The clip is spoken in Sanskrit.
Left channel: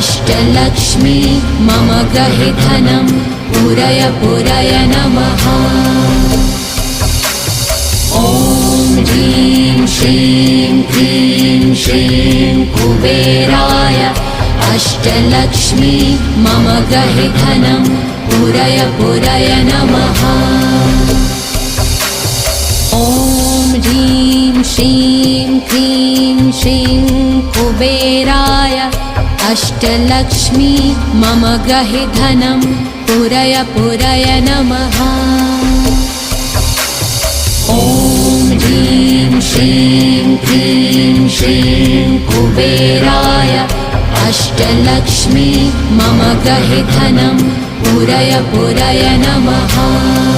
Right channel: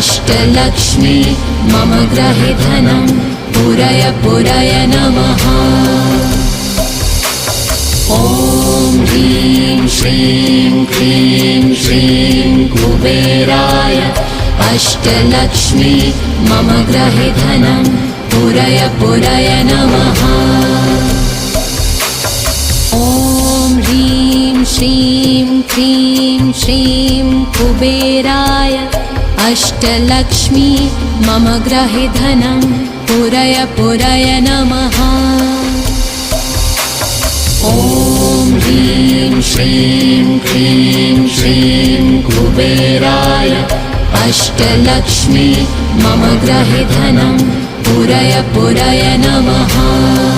अष्टलक्ष्मी मम गृहे धनं पूरय पूरय नमः। ॐ ह्रीं श्रीं क्लीं श्रीं कुबेराय अष्टलक्ष्मी मम गृहे धनं पूरय पूरय नमः। ॐ ह्रीं श्रीं क्लीं श्रीं कुबेराय अष्टलक्ष्मी मम गृहे धनं पूरय पूरय नमः। ॐ ह्रीं श्रीं क्लीं श्रीं कुबेराय अष्टलक्ष्मी मम गृहे धनं पूरय पूरय नमः।